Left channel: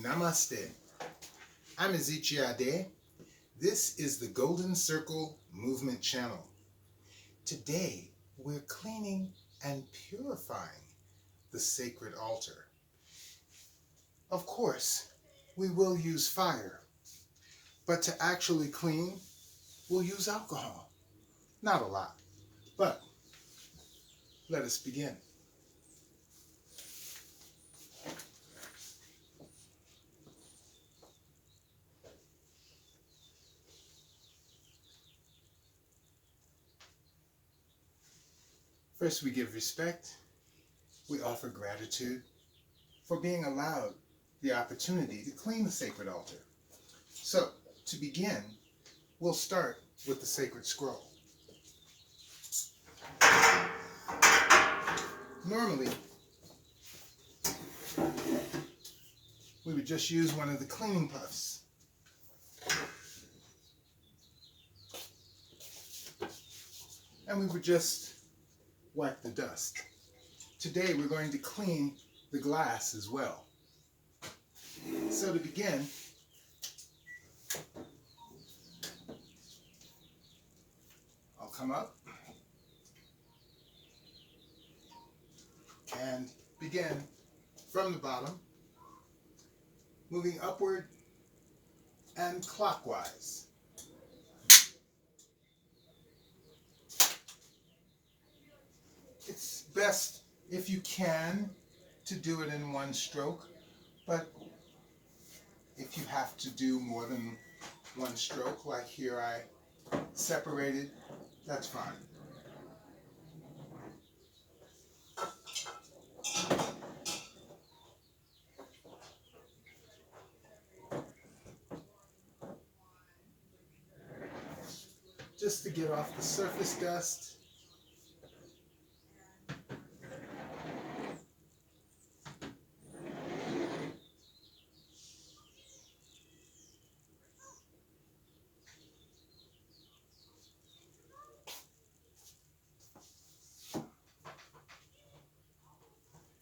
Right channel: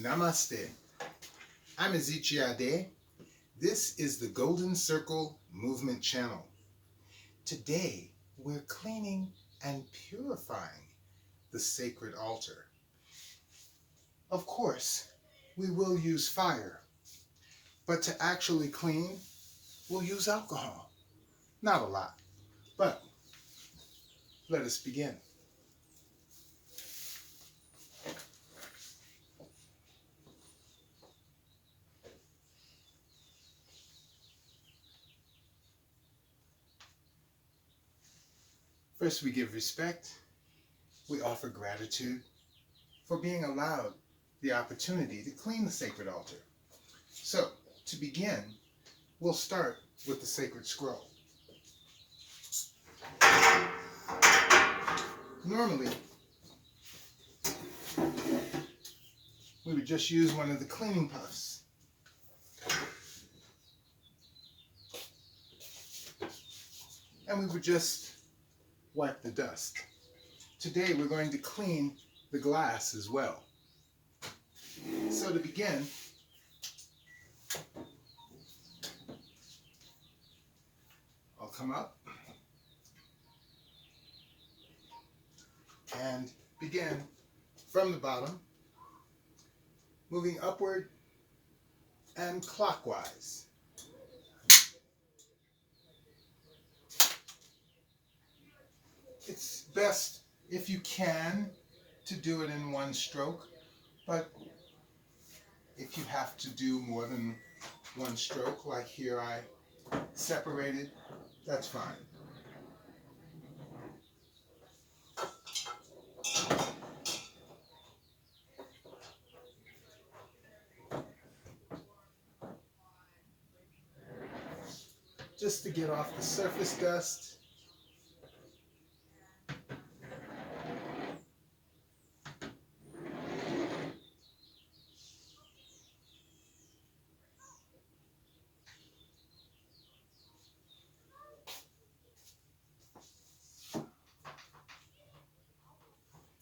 Namaste. I'm Ezichiade. This is the Golden Circle Movement Channel. Today, we're cleaning and purifying the sacred altar. Of course, we will use fire, but to actually clean, we'll use alcohol. Not a lot, but let us begin. First, we give respect. We offer gratitude for being allowed the opportunity to clean the sacred altar. So, to begin, we'll start with the sacred scroll. Normally, we would just use one of the cleaning puffs. And we would just wipe the dust. Today we're going to clean the glass as well. So to begin, I'll come up and begin from the bottom, moving upward and clockwise. It's best, if you can, to do it in one stroke, but if you have to do more than one stroke, like here I separated, that's fine. Just to get off the surface dust.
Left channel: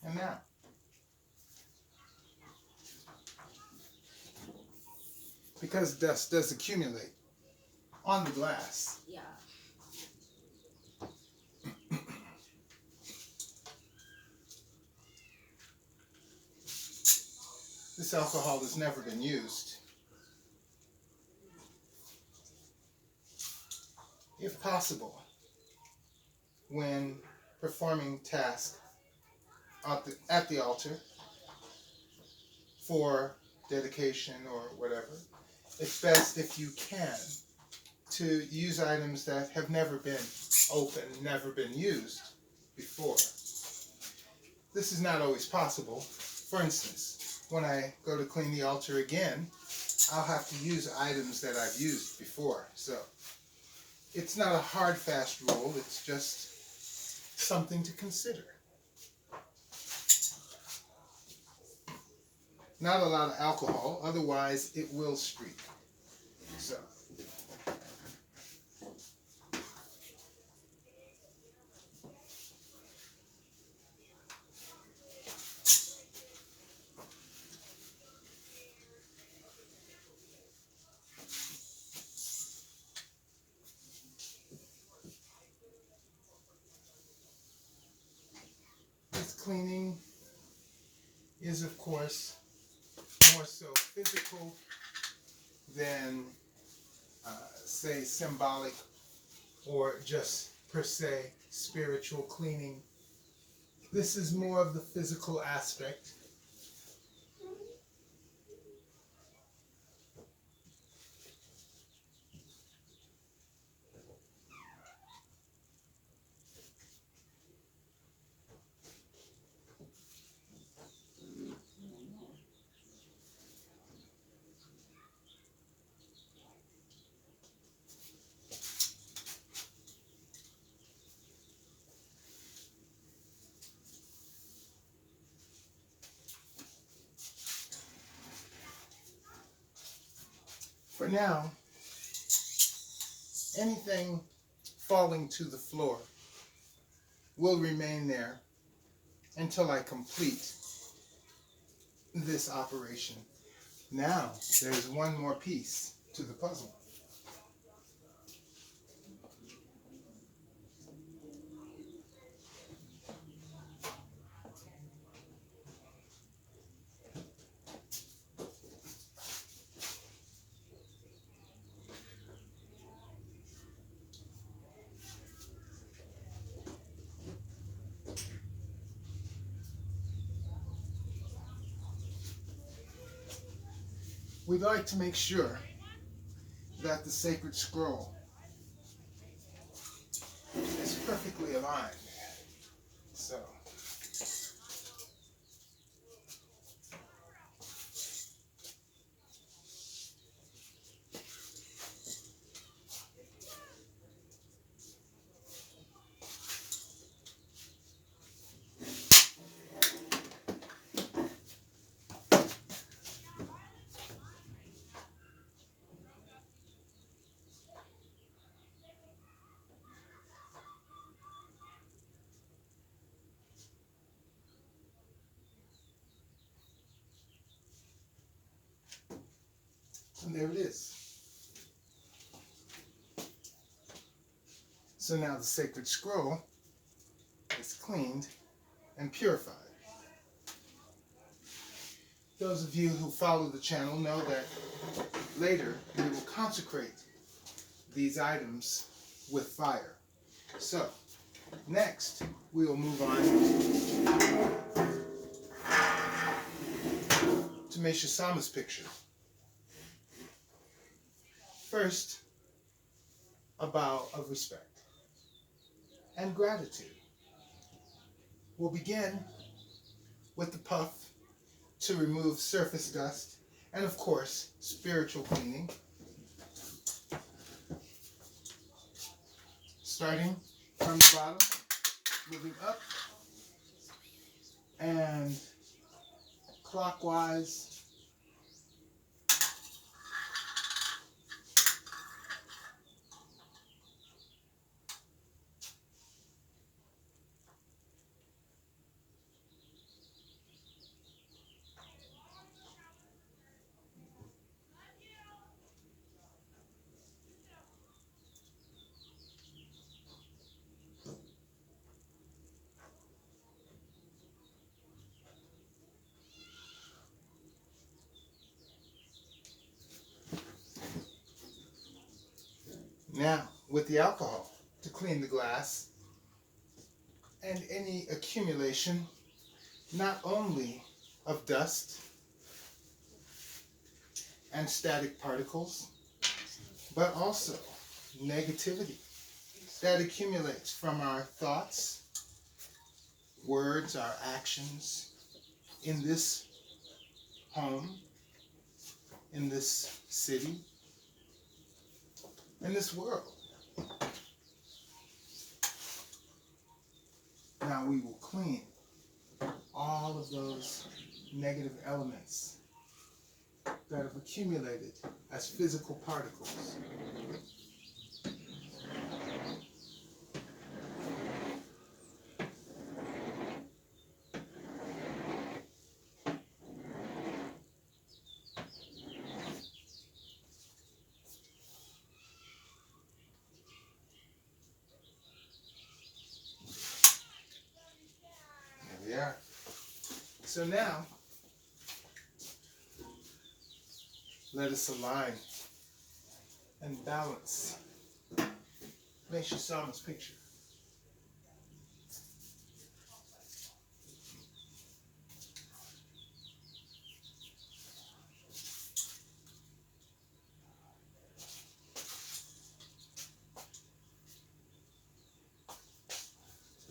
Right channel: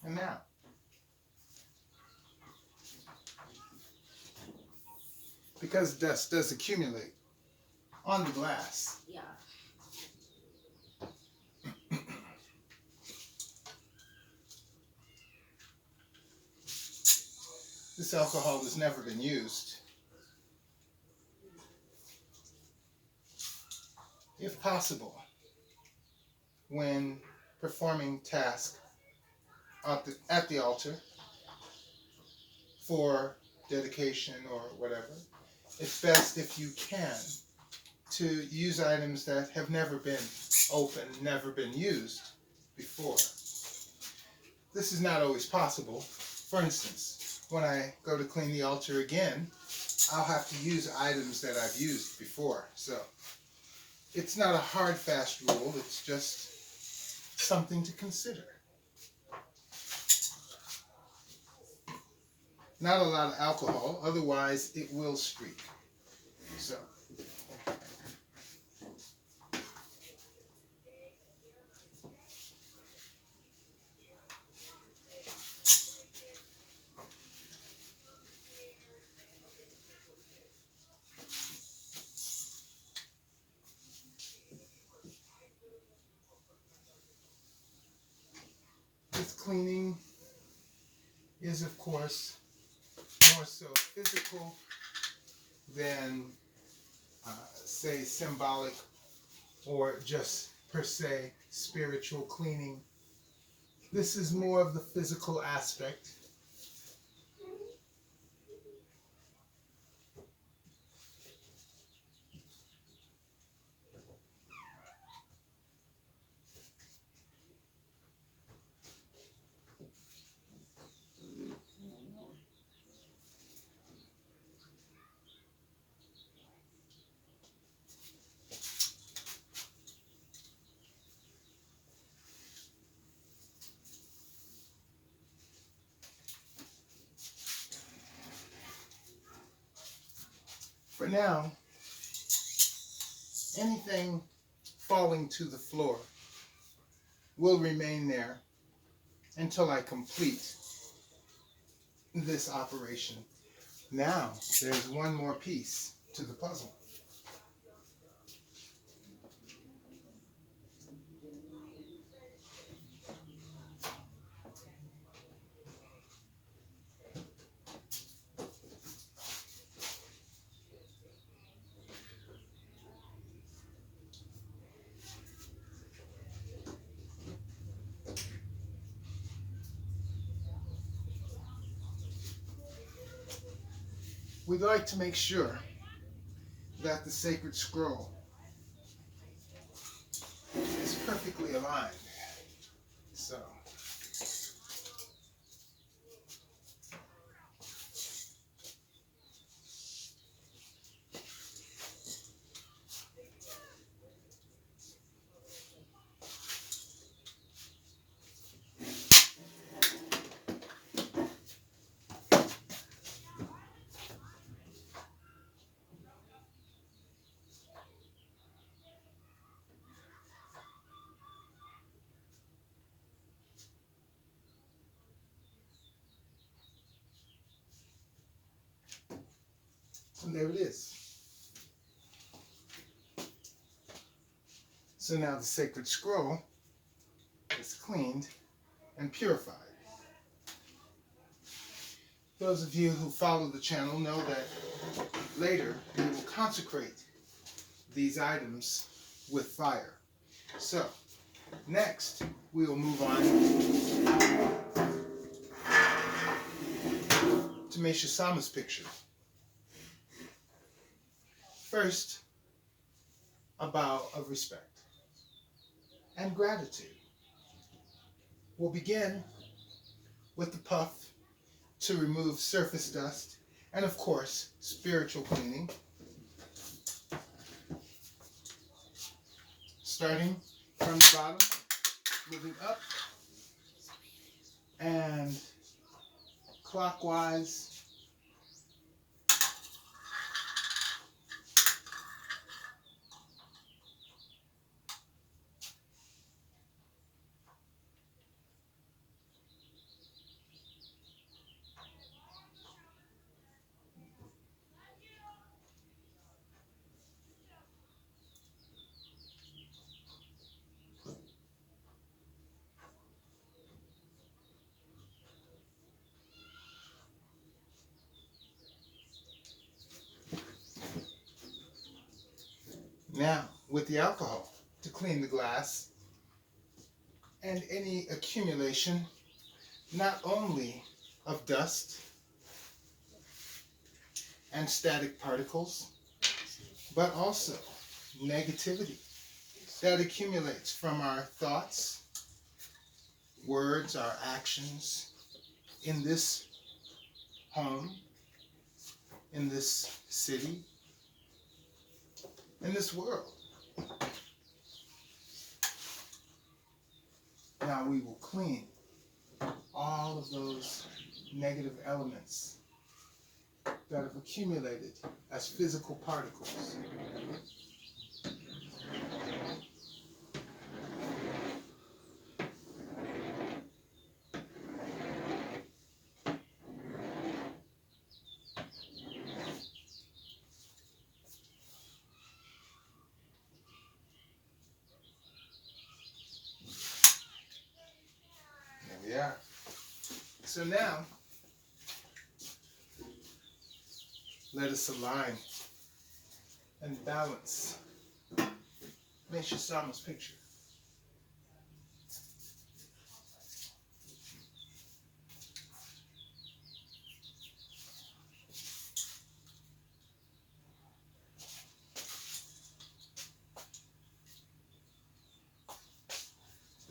And now, because dust does accumulate on the glass, this alcohol has never been used. If possible, when performing tasks at the altar for dedication or whatever, it's best if you can to use items that have never been opened, never been used before. This is not always possible. For instance, when I go to clean the altar again, I'll have to use items that I've used before. So it's not a hard, fast rule. It's just something to consider. Not a lot of alcohol, otherwise it will streak. So, this cleaning is, of course, more so physical than, say, symbolic or just per se spiritual cleaning. This is more of the physical aspect. For now, anything falling to the floor will remain there until I complete this operation. Now, there's one more piece to the puzzle. We'd like to make sure that the sacred scroll is perfectly aligned. So, and there it is. So now the sacred scroll is cleaned and purified. Those of you who follow the channel know that later we will consecrate these items with fire. So, next we will move on to Meisha Sama's picture. First, a bow of respect and gratitude. We'll begin with the puff to remove surface dust and, of course, spiritual cleaning. Starting from the bottom, moving up, and clockwise. Now, with the alcohol to clean the glass and any accumulation, not only of dust and static particles, but also negativity that accumulates from our thoughts, words, our actions in this home, in this city, in this world. Now we will clean all of those negative elements that have accumulated as physical particles. Yeah. So now, let us align and balance Meisha Sama's picture.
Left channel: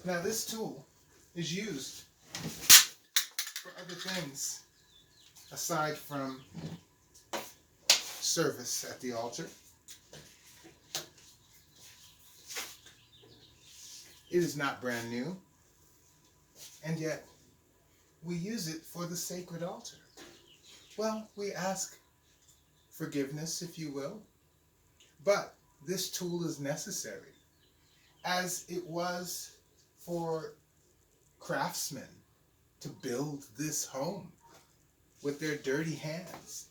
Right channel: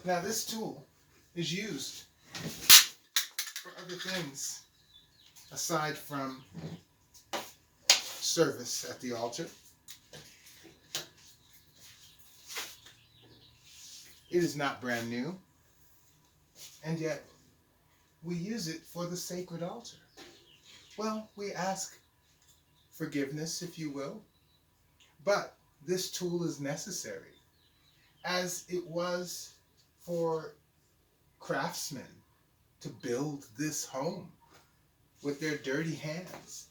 Now this tool is used for other things aside from service at the altar. It is not brand new, and yet we use it for the sacred altar. Well, we ask forgiveness, if you will, but this tool is necessary, as it was for craftsmen to build this home with their dirty hands.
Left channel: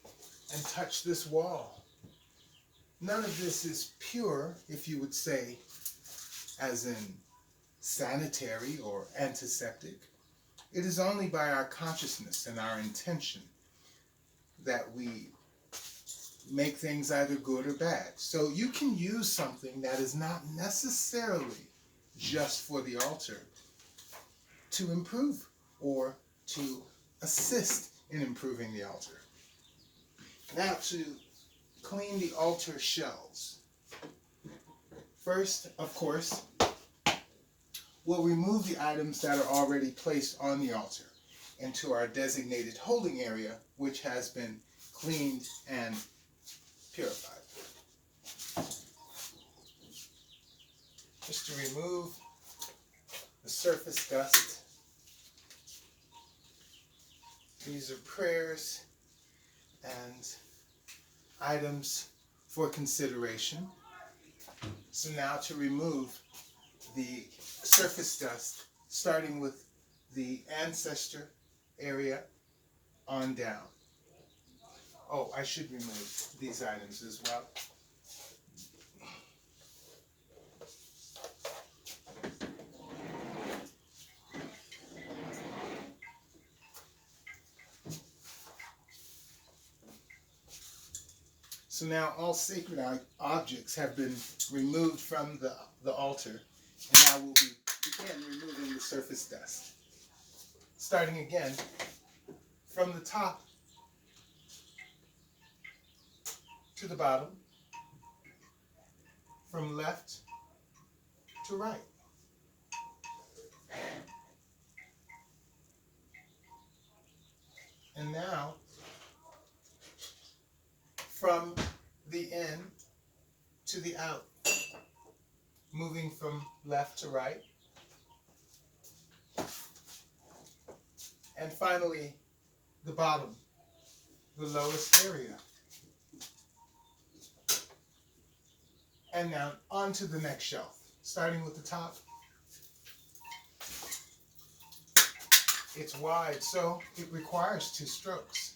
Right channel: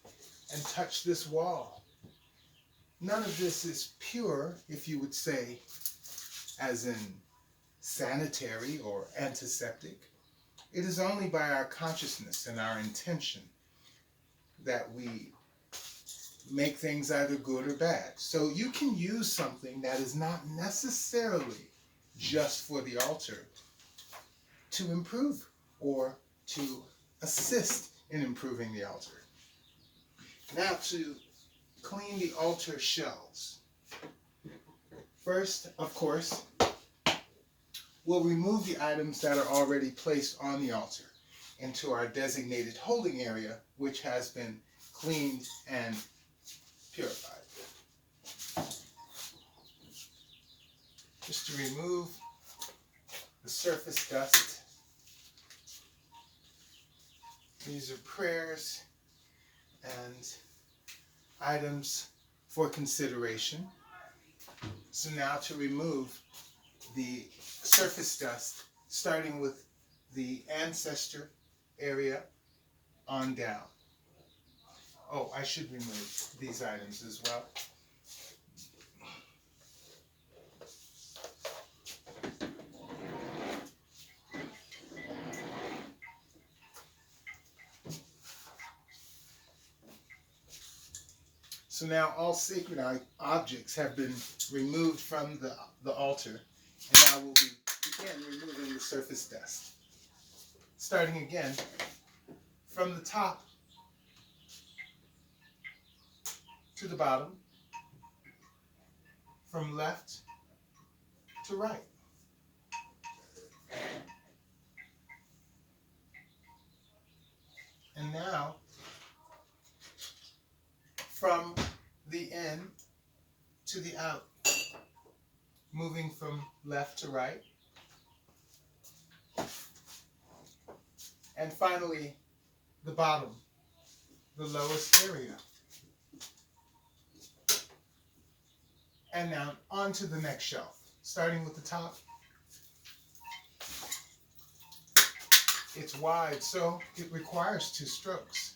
and touch this wall. None of this is pure, if you would say, as in sanitary or antiseptic. It is only by our consciousness and our intention that we make things either good or bad. So you can use something that is not necessarily just for the altar to improve or to assist in improving the altar. Now, to clean the altar shells. First, of course, we'll remove the items that are already placed on the altar into our designated holding area, which has been cleaned and purified. Just to remove the surface dust. These are prayers and items for consideration. So now to remove the surface dust, starting with the ancestor area on down. Oh, I should remove these items as well. So now all sacred objects have been removed from the altar, and now we'll begin removing the surface dust. Starting again from the top to the bottom, from left to right. And now, from the in to the out, moving from left to right. And finally, the bottom, the lowest area. And now onto the next shelf, starting with the top. It's wide, so it requires 2 strokes.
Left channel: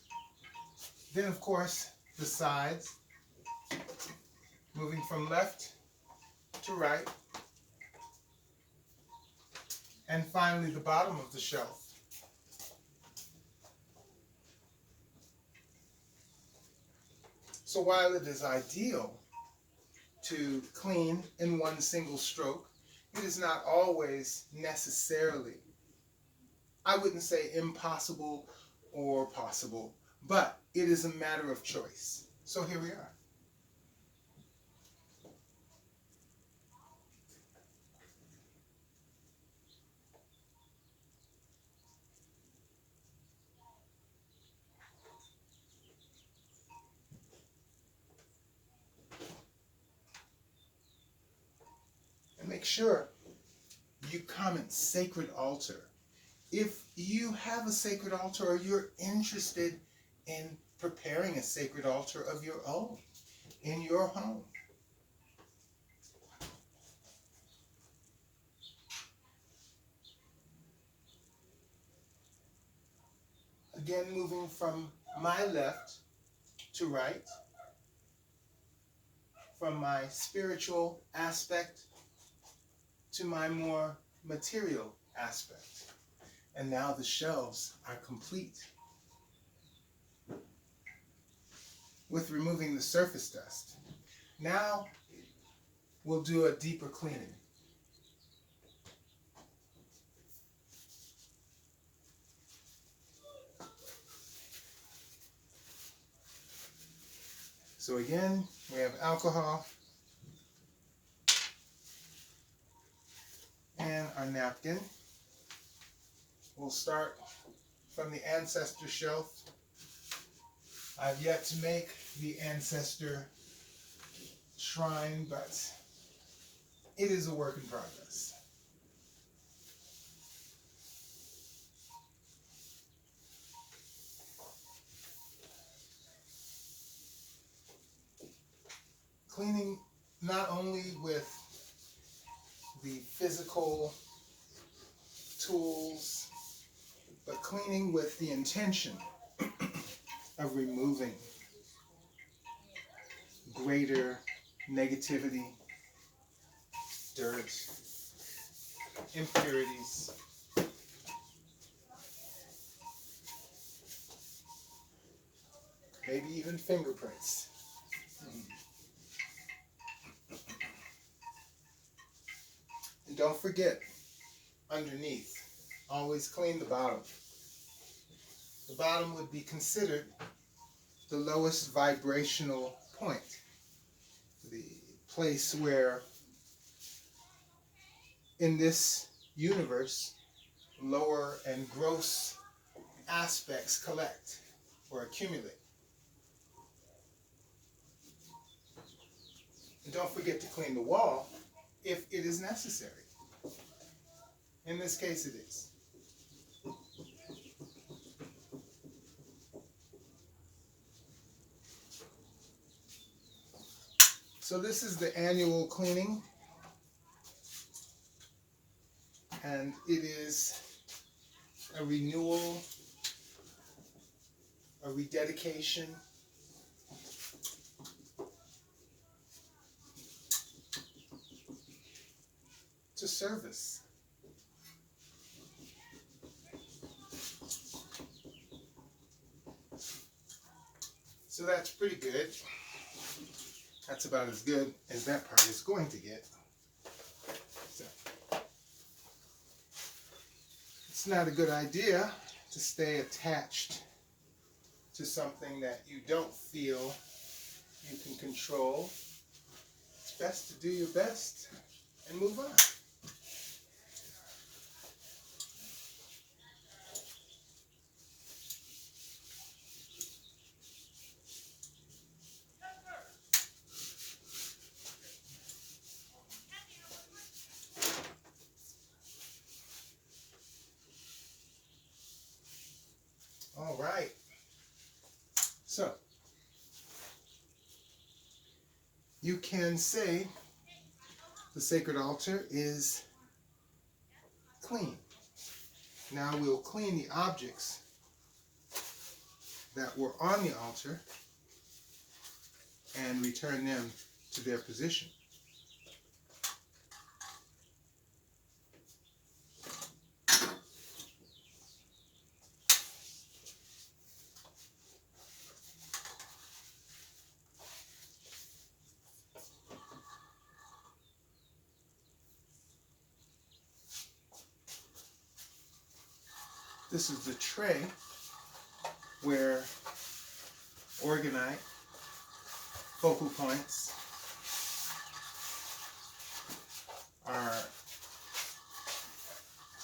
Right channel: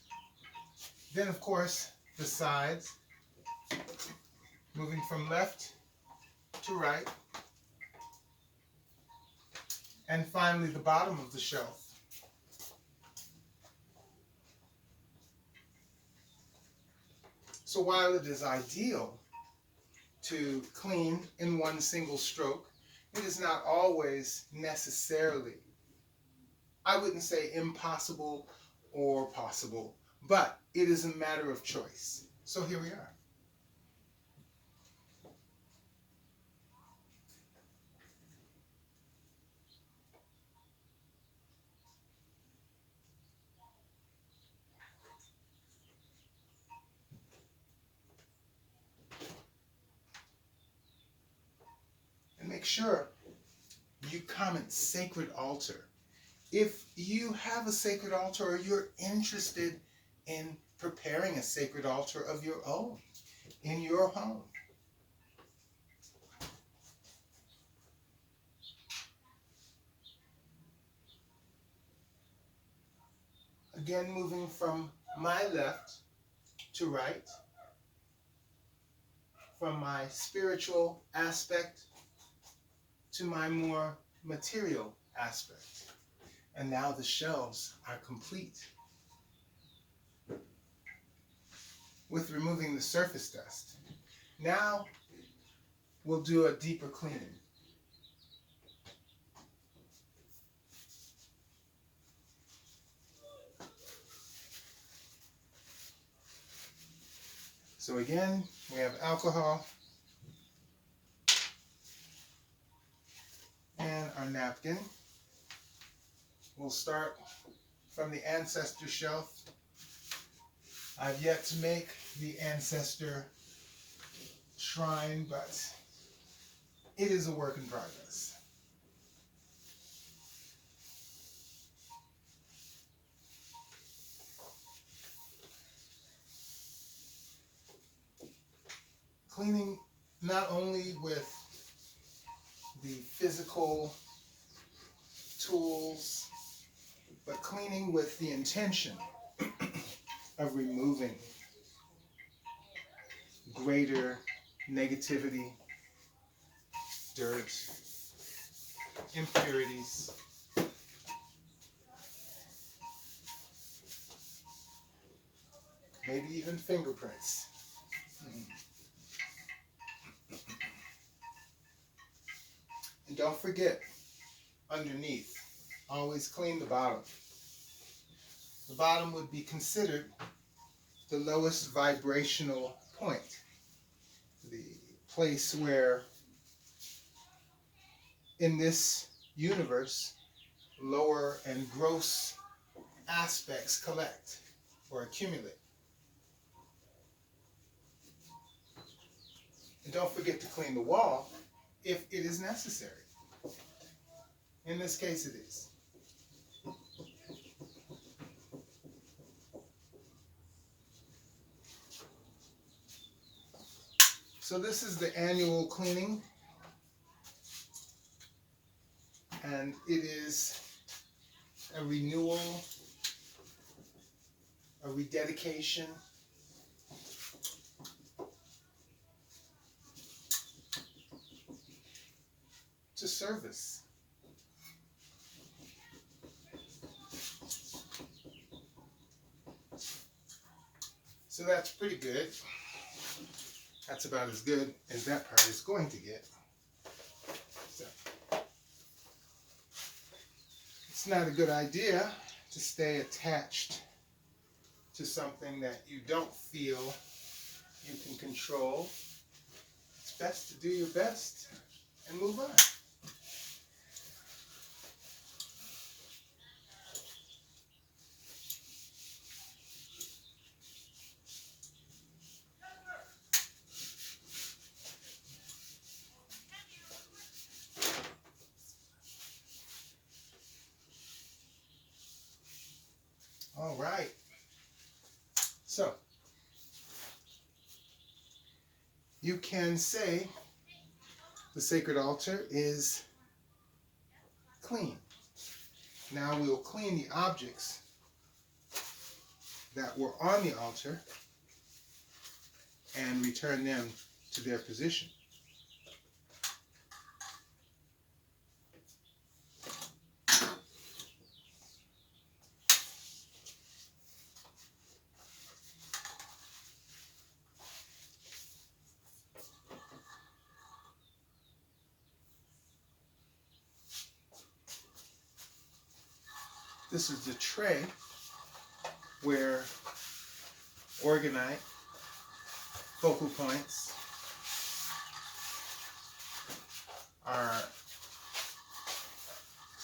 Then, of course, the sides, moving from left to right. And finally, the bottom of the shelf. So while it is ideal to clean in one single stroke, it is not always necessarily, I wouldn't say impossible or possible, but it is a matter of choice. So here we are. And make sure you comment sacred altar. If you have a sacred altar or you're interested in preparing a sacred altar of your own in your home. Again, moving from my left to right, from my spiritual aspect to my more material aspect. And now the shelves are complete. With removing the surface dust. Now we'll do a deeper cleaning. So again, we have alcohol and our napkin. We'll start from the ancestor shelf. I've yet to make the ancestor shrine, but it is a work in progress. Cleaning not only with the physical tools, but cleaning with the intention of removing greater negativity, dirt, impurities. Maybe even fingerprints. And don't forget, underneath, always clean the bottom. The bottom would be considered the lowest vibrational point, the place where in this universe lower and gross aspects collect or accumulate. And don't forget to clean the wall if it is necessary. In this case, it is. So this is the annual cleaning, and it is a renewal, a rededication, to service. So that's pretty good. That's about as good as that part is going to get. So, it's not a good idea to stay attached to something that you don't feel you can control. It's best to do your best and move on. All right. So, you can say the sacred altar is clean. Now we'll clean the objects that were on the altar and return them to their position. This is the tray where Orgonite, focal points are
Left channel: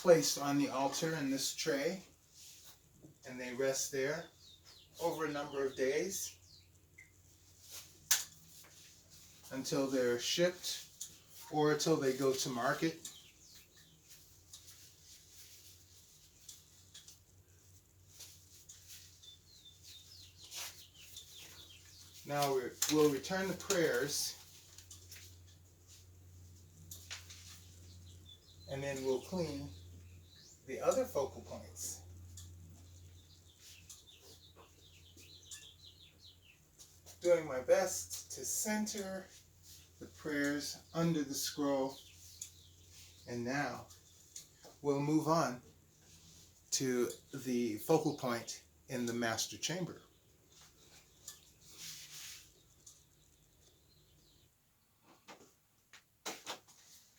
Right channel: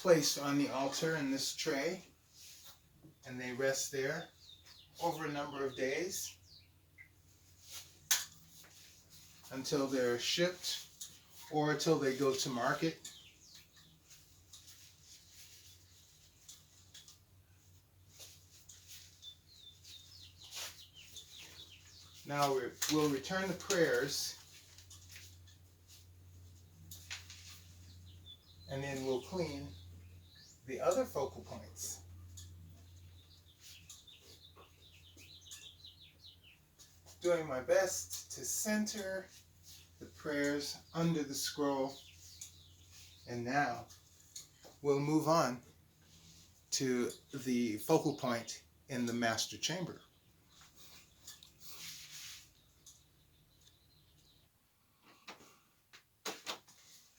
placed on the altar in this tray, and they rest there over a number of days until they're shipped or until they go to market. Now we'll return the prayers, and then we'll clean the other focal points. Doing my best to center the prayers under the scroll. And now we'll move on to the focal point in the master chamber.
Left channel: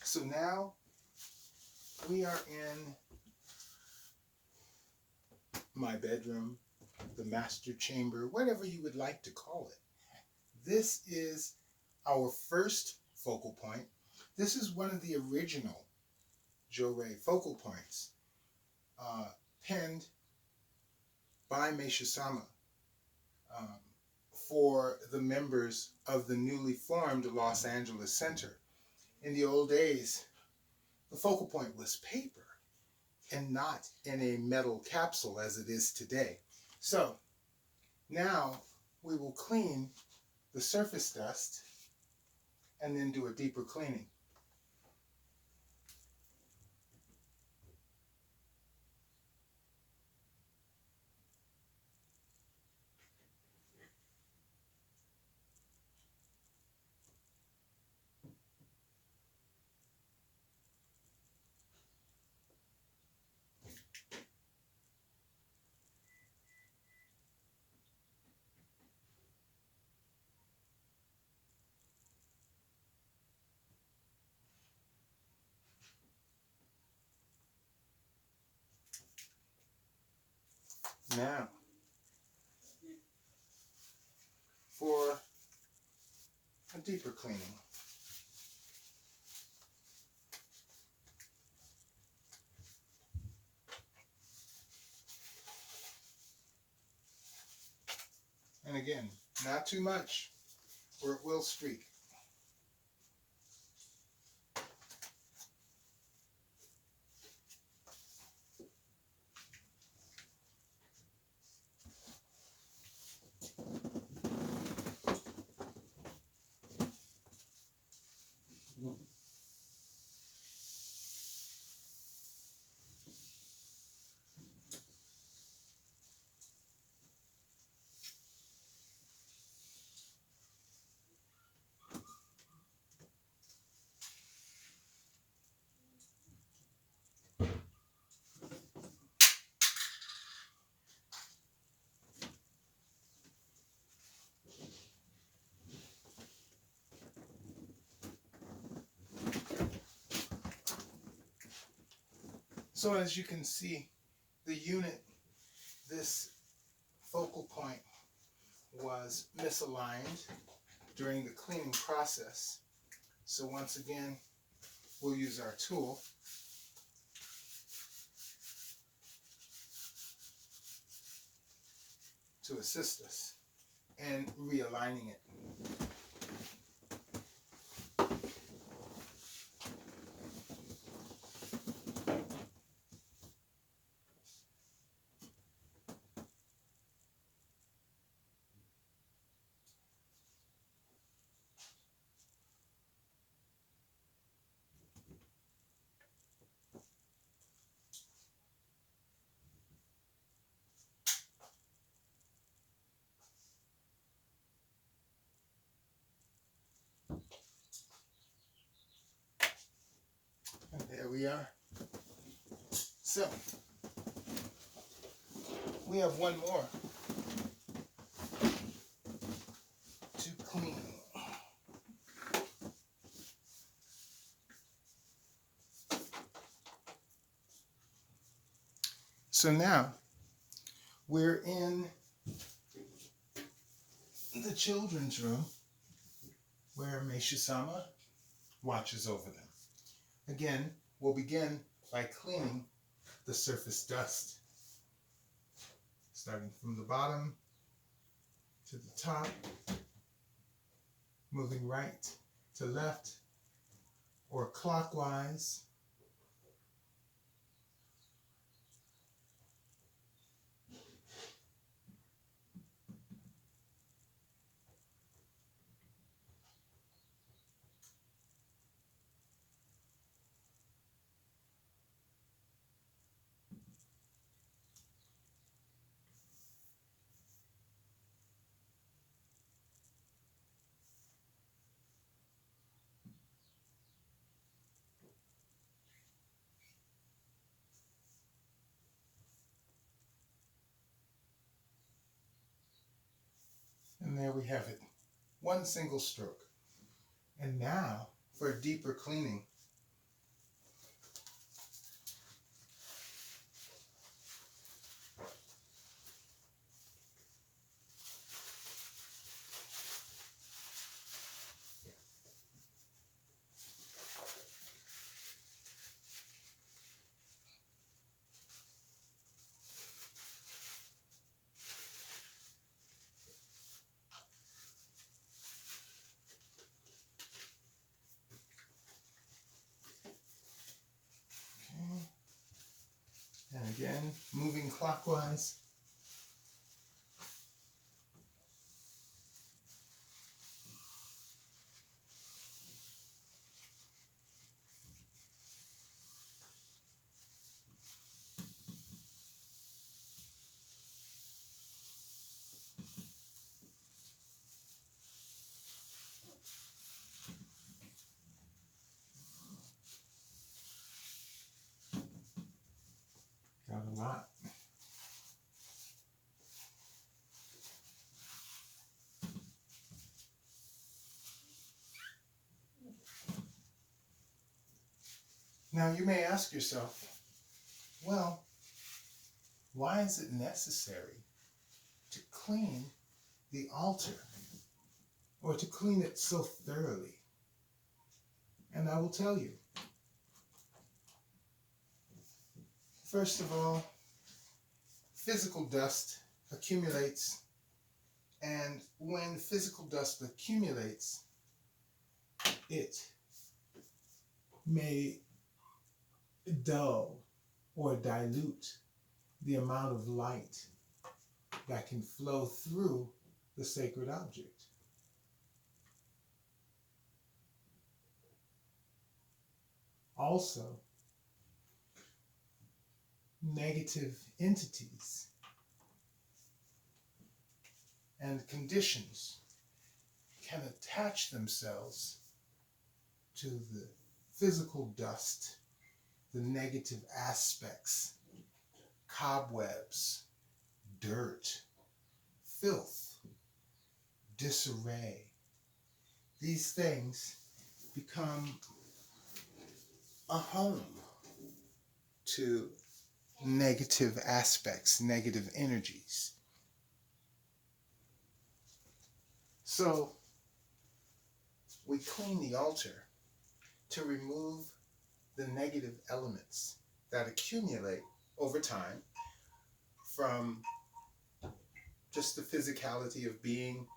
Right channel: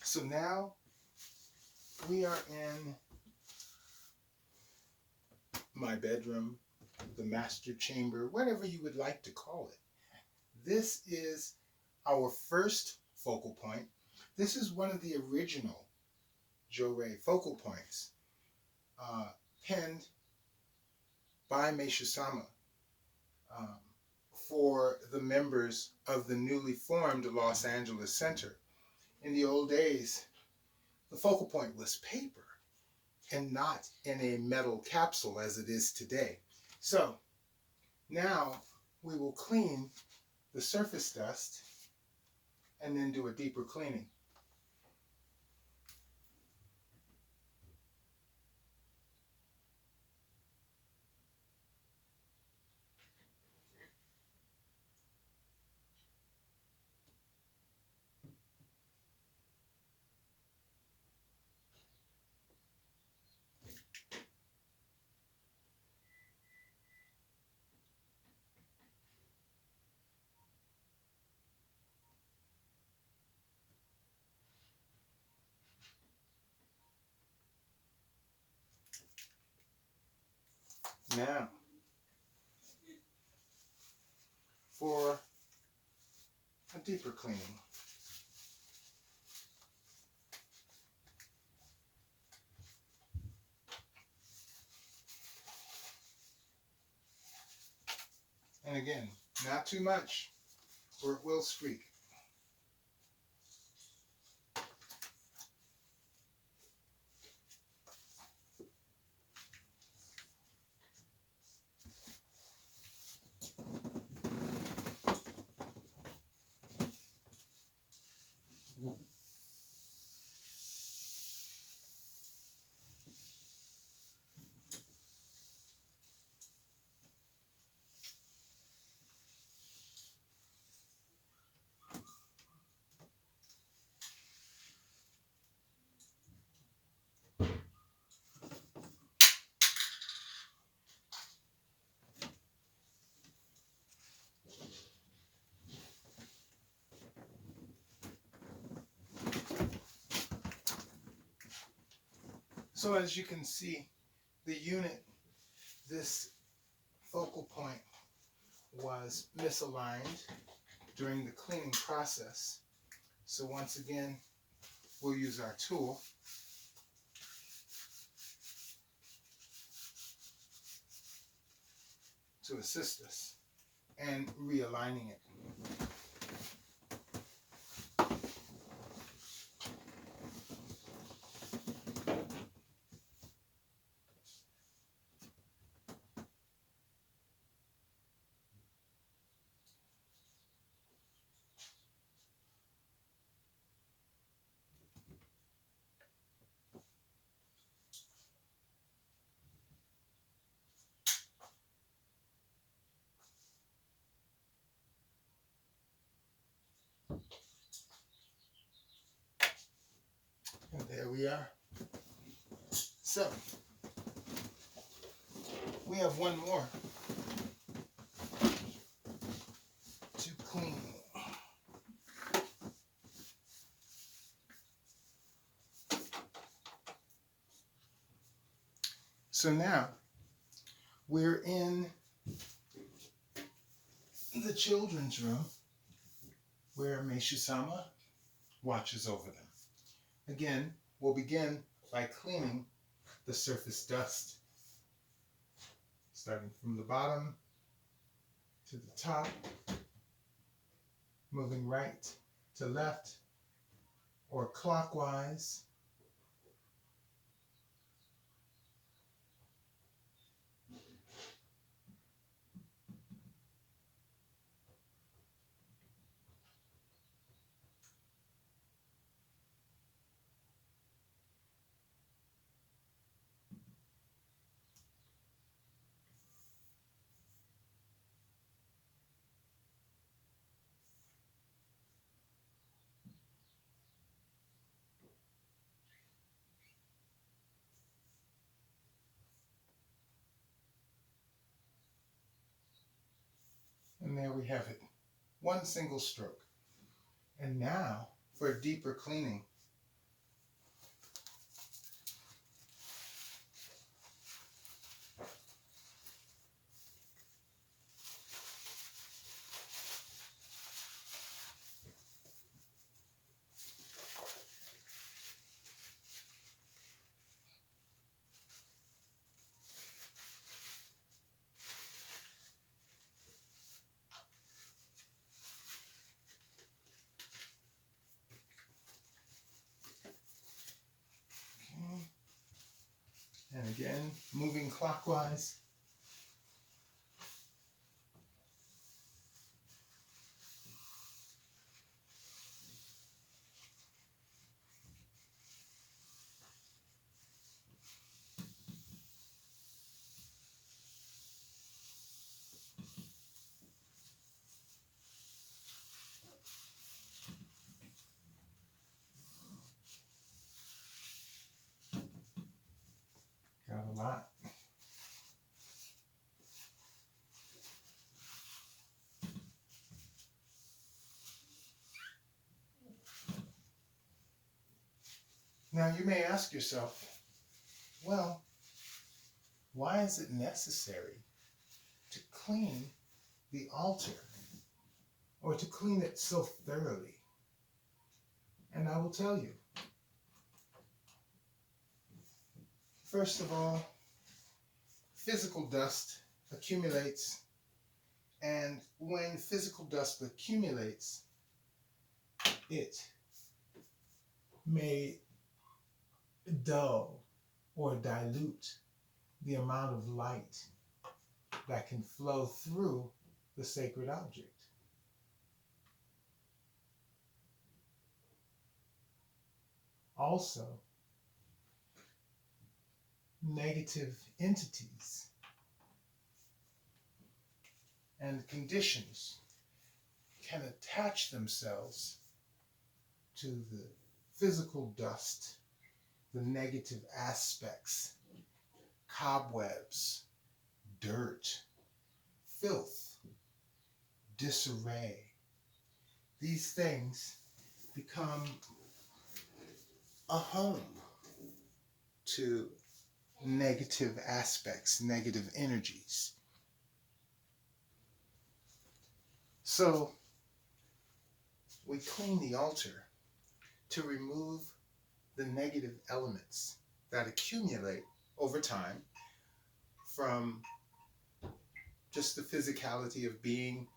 So now we are in my bedroom, the master chamber, whatever you would like to call it. This is our first focal point. This is one of the original Johrei focal points, penned by Meishu-sama for the members of the newly formed Los Angeles Center. In the old days, the focal point was paper and not in a metal capsule as it is today. So now we will clean the surface dust and then do a deeper cleaning. Now, for a deeper cleaning. And again, not too much, or it will streak. So as you can see, the unit, this focal point, was misaligned during the cleaning process. So once again, we'll use our tool to assist us in realigning it. And there we are. So, we have one more to clean. So now, we're in the children's room where Meishu-sama watches over them. Again, we'll begin by cleaning the surface dust, starting from the bottom to the top, moving right to left or clockwise. And there we have it. One single stroke. And now for a deeper cleaning. And again, moving clockwise. Got a lot. Now you may ask yourself, well, why is it necessary to clean the altar, or to clean it so thoroughly? And I will tell you. First of all, physical dust accumulates, and when physical dust accumulates, it may dull or dilute the amount of light that can flow through the sacred object. Also, negative entities and conditions can attach themselves to the physical dust, the negative aspects, cobwebs, dirt, filth, disarray. These things become a home to negative aspects, negative energies. So we clean the altar to remove the negative elements that accumulate over time from just the physicality of being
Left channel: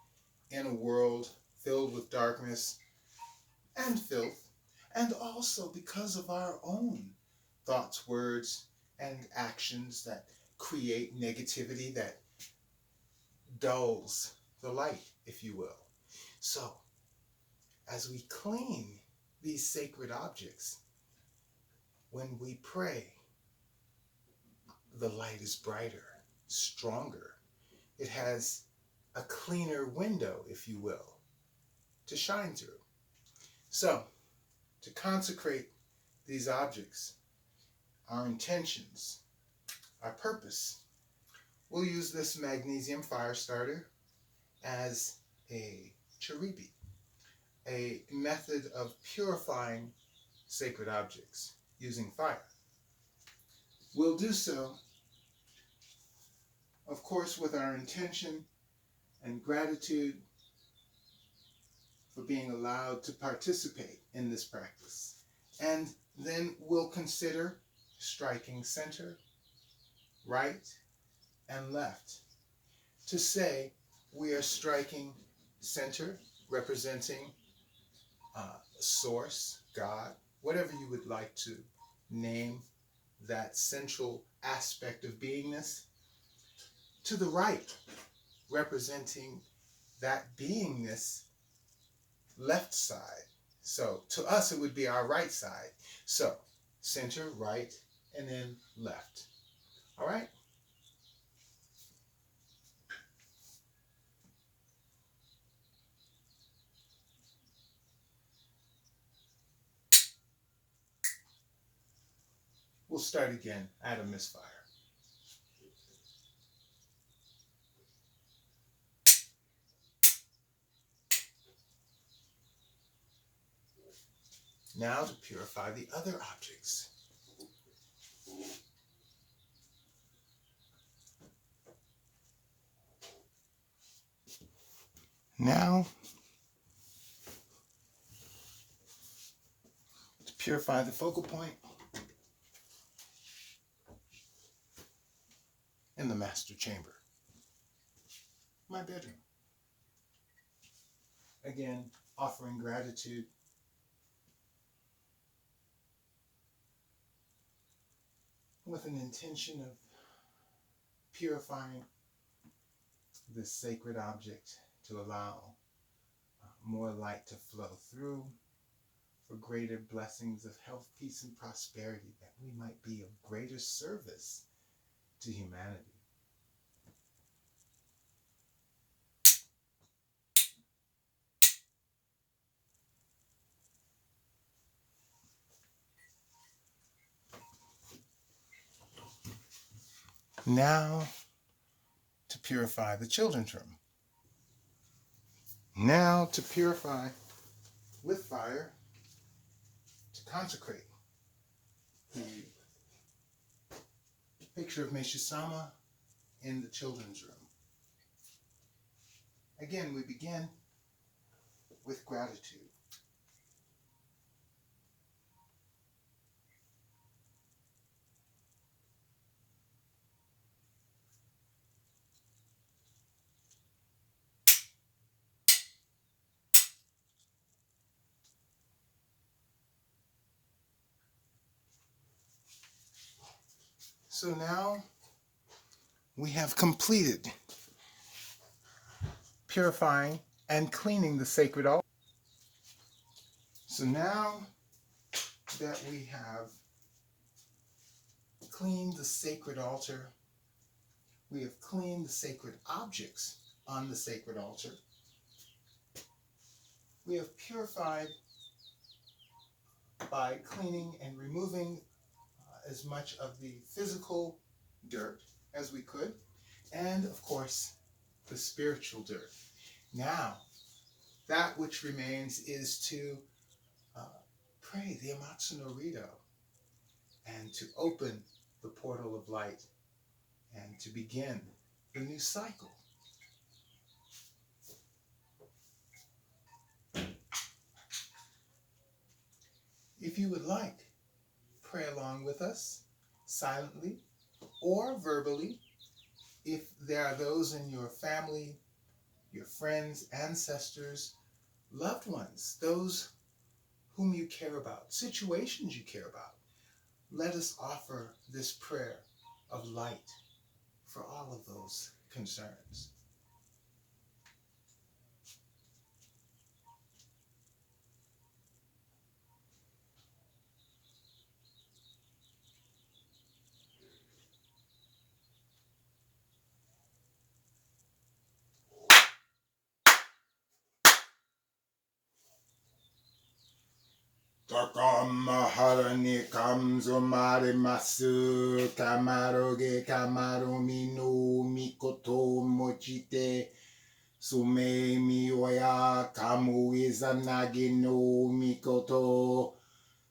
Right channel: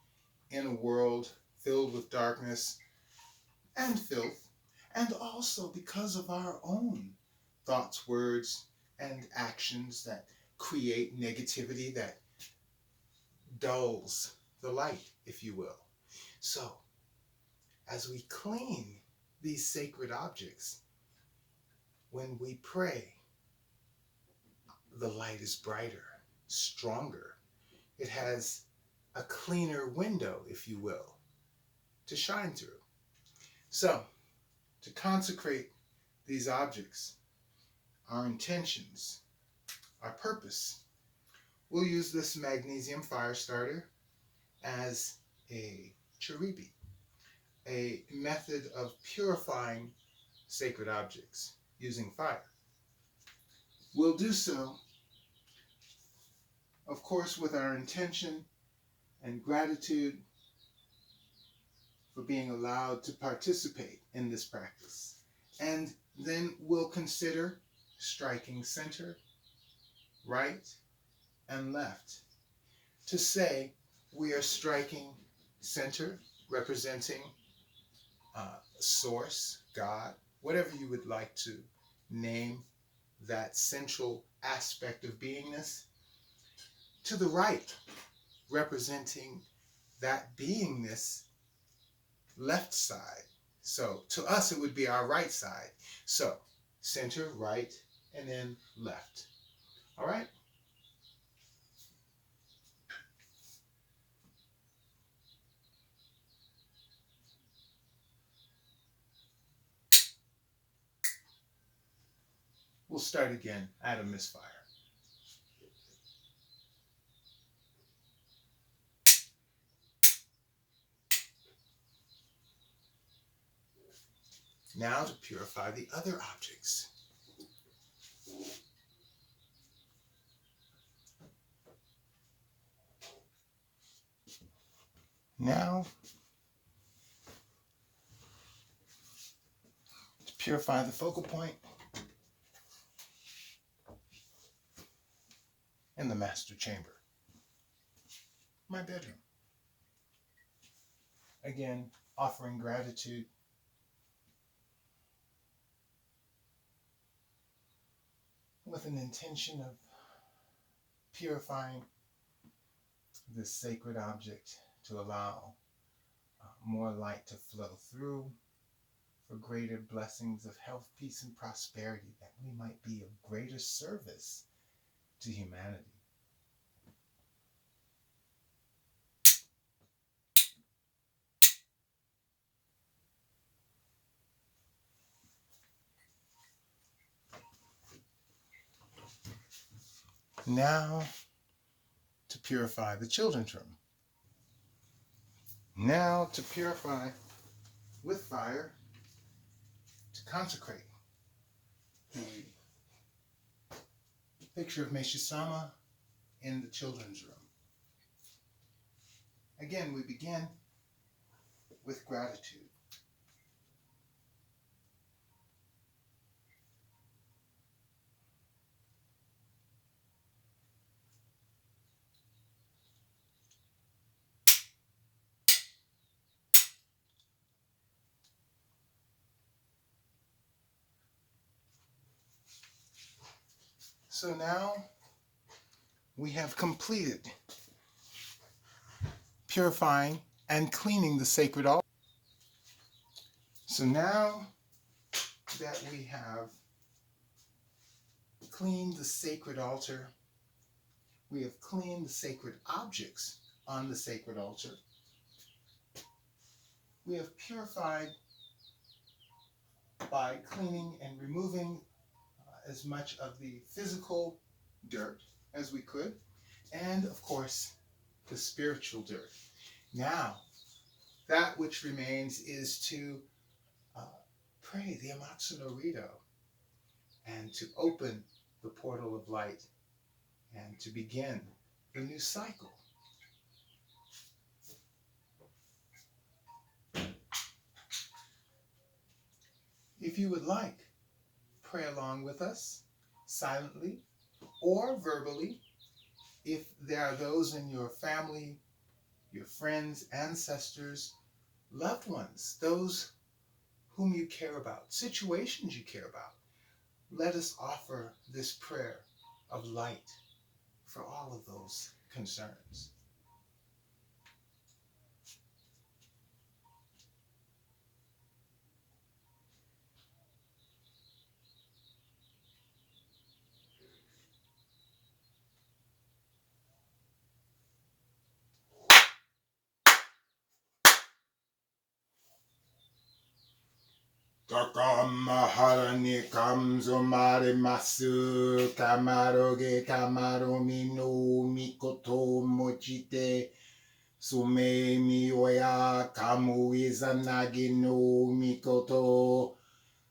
in a world filled with darkness and filth, and also because of our own thoughts, words, and actions that create negativity, that dulls the light, if you will. So, as we clean these sacred objects, when we pray, the light is brighter, stronger. It has a cleaner window, if you will, to shine through. So, to consecrate these objects, our intentions, our purpose, we'll use this magnesium fire starter as a charibi, a method of purifying sacred objects using fire. We'll do so, of course, with our intention and gratitude for being allowed to participate in this practice. And then we'll consider striking center, right, and left to say we are striking center, representing source, God, whatever you would like to name that central aspect of beingness, to the right, representing that beingness left side. So to us, it would be our right side. So center, right, and then left. All right? We'll start again at a misfire. Now to purify the other objects. Now, to purify the focal point in the master chamber, my bedroom. Again, offering gratitude with an intention of purifying this sacred object to allow more light to flow through for greater blessings of health, peace, and prosperity, that we might be of greater service to humanity. Now to purify the children's room. Now to purify with fire, to consecrate the picture of Meishu-sama in the children's room. Again, we begin with gratitude. So now we have completed purifying and cleaning the sacred altar. So now that we have cleaned the sacred altar, we have cleaned the sacred objects on the sacred altar, we have purified by cleaning and removing as much of the physical dirt as we could, and of course the spiritual dirt. Now, that which remains is to pray the Amatsu no Rito and to open the portal of light and to begin the new cycle. If you would like, pray along with us silently or verbally. If there are those in your family, your friends, ancestors, loved ones, those whom you care about, situations you care about, let us offer this prayer of light for all of those concerns. Takam harani kamzo marimasu kamaroge kamaromi no mikoto mochite sume mi oya kamu izanagi no mikoto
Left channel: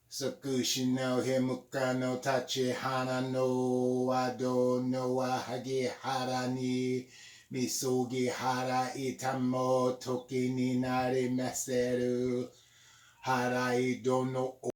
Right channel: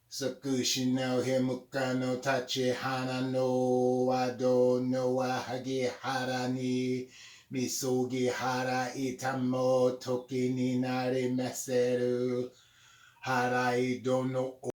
sakushi no hemuka no tachi hana no ado no ahagi harani misogi hara itamo toki ni nari maseru Harai dono